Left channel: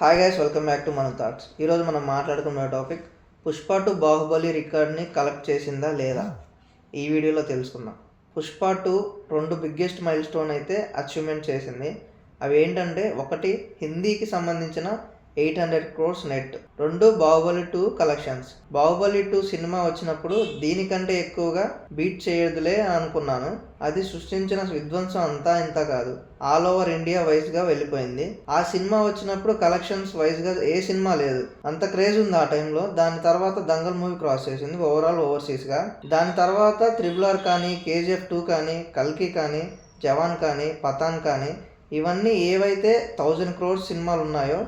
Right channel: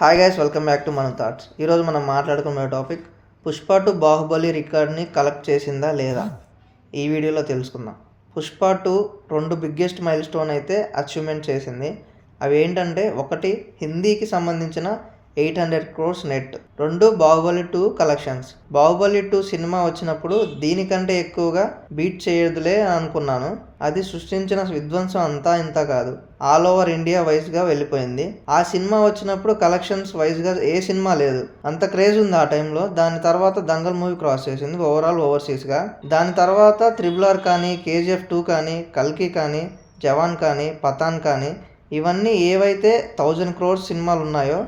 Hi guys, welcome back to మన thoughts. ఈరోజు మనం మాట్లాడుకున్న టాపిక్ పుష్ప 2 బాహుబలి రికార్డ్ని కలెక్ట్ చేసిందా లేదా ఈ వీడియోలో తెలుసుకుందాం. పుష్ప 2 2 బిగ్గెస్ట్ మైల్ స్టోన్ అయితే అచీవ్మెంట్ చేసింది. అవి ఏంటంటే, ఒకటి హిందీకి సంబంధించిన 800 crores net, 2 Baahubali 2 collections. Baahubali 2 cinema వచ్చినప్పుడు దీనికంటే ఎక్కువగా బీట్ చేయదులే అనుకున్నాను. అది సృష్టించిన విధ్వంసం అంతా ఇంత కాదు, ఆల్ ఓవర్ ఇండియా వైజ్గా వెళ్ళిపోయింది. ఆ సినిమా వచ్చినప్పుడు కలెక్షన్స్ వైజ్గా ఏ సినిమా లేదు, అంత క్రేజ్ ఉంది ఆ టైంలో. దాని తర్వాత దంగల్ మూవీ క్రాస్ చేసింది ఓవరాల్ ఓవర్సీస్గా. దాని తర్వాత RRR కానీ, KGF 2 కానీ, కల్కి కానీ, జవాన్ కానీ, పఠాన్ కానీ, ఇవన్నీ ఏవైతే 1000 crores సినిమాలు ఉన్నాయో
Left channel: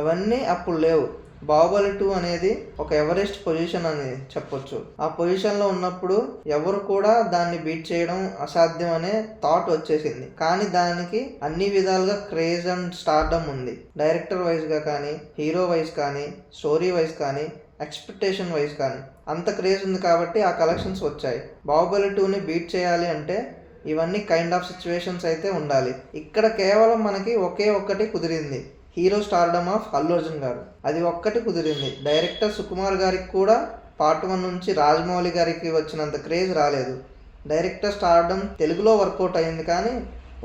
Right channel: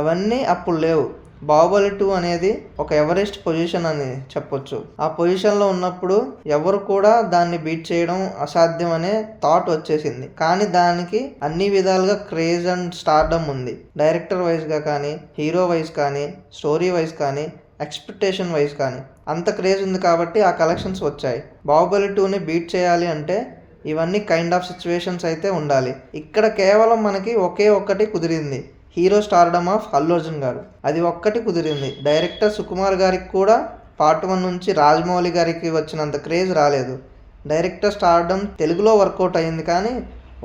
అవన్నీ అప్పుడు లేవు. బాహుబలి 2 అనేది ఒక ఎవరెస్ట్ పొజిషన్ అని చెప్పొచ్చు. ఆ పొజిషన్లో ఉన్నప్పుడు ఎవరు కూడా దాన్ని బీట్ చేయడం అసాధ్యం అనే థాట్ వచ్చేసింది. కానీ దానికి అన్ని విధాలుగా క్రేజ్ అండ్ స్టార్డమ్ ఉంది. డైరెక్టర్ వైజ్గా కానీ, హీరో వైజ్ కానీ, స్టోరీ వైజ్ కానీ, ఎక్స్పెక్టేషన్ వైజ్ కానీ అంత క్రేజ్ ఉంది కాబట్టి ఆ కలెక్షన్స్ వచ్చాయి. బాహుబలి 2ని బీట్ చేయాలి అంటే ఇవన్నీ కైండ్ ఆఫ్ సిచ్యువేషన్స్ అయితే ఉండాలి. ఇక్కడ కేవలం మనకి ఒకే ఒక్కటి కుదిరింది, hero stardom of Allu Arjun గారు. అది ఒక్కటి కుదిరింది. డైరెక్టర్ సుకుమార్ గారికి కూడా పార్ట్ 1 నుంచి రాజమౌళి గారికి వచ్చినంత క్రేజ్ రాలేదు. డైరెక్టర్ స్టార్డమ్ తెలుగులో వర్కౌట్ అయింది, కానీ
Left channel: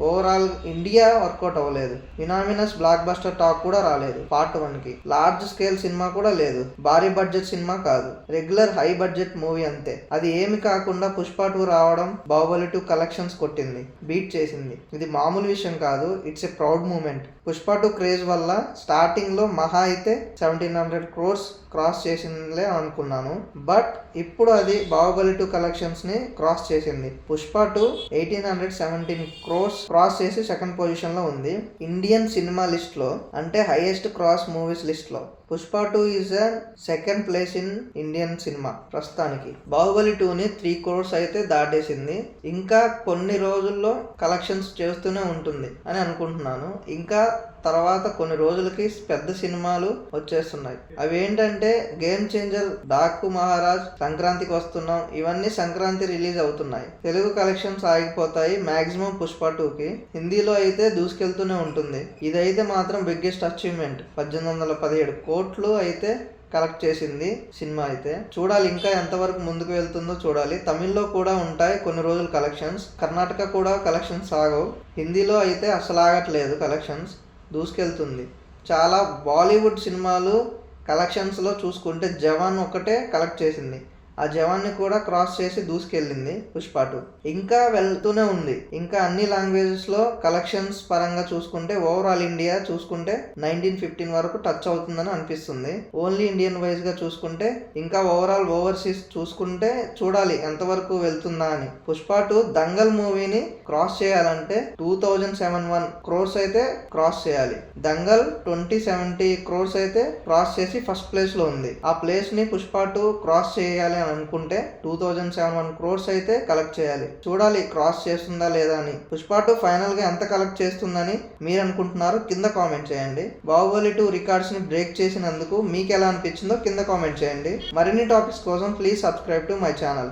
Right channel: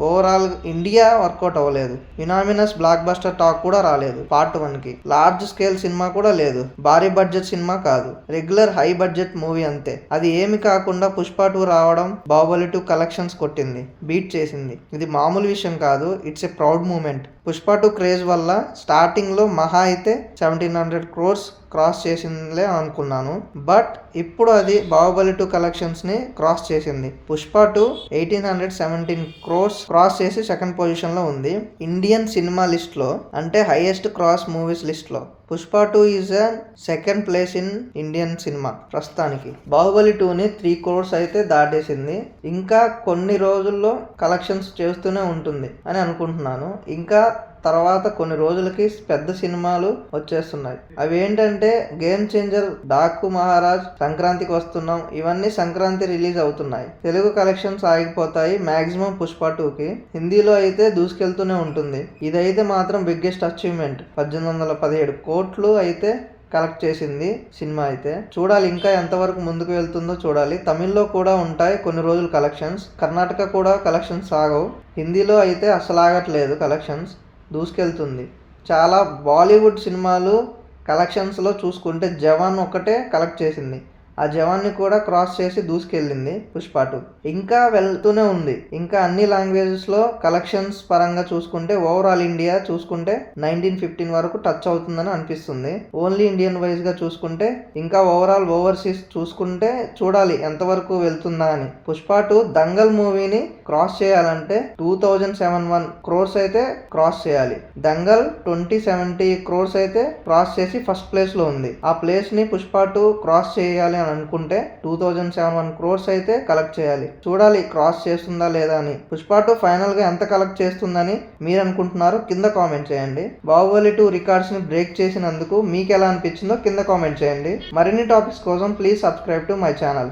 ఓవరాల్ ఇండియా వర్కౌట్ అవ్వలేదు. యునామినస్ బ్లాక్ బస్టర్ టాక్ కూడా రాలేదు పార్ట్ 1కి. లార్జ్ స్కేల్ సినిమా కూడా లేదు, భారీ బడ్జెట్ సినిమా కాదు, రెగ్యులర్ హై బడ్జెట్ మూవీ అంతే. అది ఏమి కాకుండా పుష్ప 2 రావడం బాహుబలి 2 కలెక్షన్స్ కొట్టింది, బీట్ చేసింది. ఇది మామూలు విషయం కాదు, it's a proud moment. Pushpa 2 craze వల్ల స్టార్టింగ్లో మహా అయితే 1700 crores క్రాస్ చేసిందిలే అనుకున్నాను. బట్ ఇప్పుడు అది బాహుబలి 2 కలెక్షన్స్ని క్రాస్ చేసింది. పుష్ప 2 1817 crores క్రాస్ చేసి సెకండ్ పొజిషన్లో ఉంది ఇండియన్ సినిమా లిస్ట్లో, అంటే హైయెస్ట్ క్రాస్ మూవీస్ లిస్ట్లో. Pushpa 2 is a second place in Indian cinema ప్రస్తుతానికి. బాహుబలి 2ని 3 crores అయితే దాటేసింది. ఇంకా కొన్ని రోజుల్లో కలెక్షన్స్ చేస్తూనే ఉంటుంది అని అనుకుంటున్నాను. ఇంకా తర్వాత కొన్ని రోజులకి పెద్ద సినిమాలు వచ్చేస్తున్నాయి. అవి ఏంటంటే గేమ్ చేంజర్, డాకు మహారాజ్, సంక్రాంతికి వస్తున్నాం, ఇవన్నీ సంక్రాంతి రిలీజ్ అవుతున్నాయి. తెలుగు కలెక్షన్స్ ఆగిపోతాయి మాక్సిమం పుష్ప 2కి. హిందీలో అయితే దూసుకెళ్తూనే ఉంటుంది. ఇదైతే మాత్రం బిగ్గెస్ట్ అచీవ్మెంట్. 1817 కోట్లు అయితే కలెక్ట్ చేసింది సినిమా అయితే. చూడాలి ఇంకా ఎంతవరకు ముందుకు వెళ్తుందో చూడాలి. తమిళ్లో కూడా ఉంటాయి కొన్ని రోజులు కలెక్షన్స్, కర్ణాటక కూడా కలెక్షన్స్ ఆగవు. హిందీలో అయితే అసలు ఆగట్లేదు, కలెక్షన్స్ దూసుకెళ్తుంది. చాలా బాలీవుడ్ సినిమాలు కలెక్షన్స్లో చూసుకుంటే జవాన్ ఒకటే కలెక్ట్ చేసింది. ఆ జవాన్ని కూడా క్రాస్ చేసి దూసుకెళ్ళింది పుష్ప 2. ఇంకా వెళ్తూనే ఉంది. ఇంకా అన్ని లాంగ్వేజెస్లో కలెక్షన్స్ పరంగా చూసుకుంటే ఓవరాల్ ఇండియా చూసుకుంటే 1915 వరకు టచ్ అవుతుందని అనిపిస్తుంది. ఓన్లీ ఇండియన్ వైజ్గా చూసుకుంటే ఇంకా ఓవరాల్ ఓవర్సీస్ చూసుకుంటే చూడాలి ఎంతవరకు వెళ్తుందా అని. పుష్ప 2 దంగల్ మూవీని క్రాస్ చేయాలంటే 2071 crores అయితే క్రాస్ చేయాలి. దంగల్ 2070 crores అయితే క్రాస్ చేసి ఫస్ట్ ప్లేస్లో ఉంది. ఆ ప్లేస్ని పుష్ప 2 క్రాస్ చేయాలి అనుకుంటే 2071 crores అయితే కలెక్ట్ చేయాలి. చూడాలి క్రాస్ చేస్తుందా లేదా అని. పుష్ప 2 ఫైనల్ గా ఎంత కలెక్ట్ చేస్తుందని మీరు అనుకుంటున్నారో కింద కామెంట్ చేయండి. బాహుబలి 2 రికార్డ్స్ ని బ్రేక్ చేసినందుకు మీకు ఎలా అనిపించిందో కింద కామెంట్ చేయండి. మరిన్ని టాపిక్స్ కోసం please subscribe to my channel.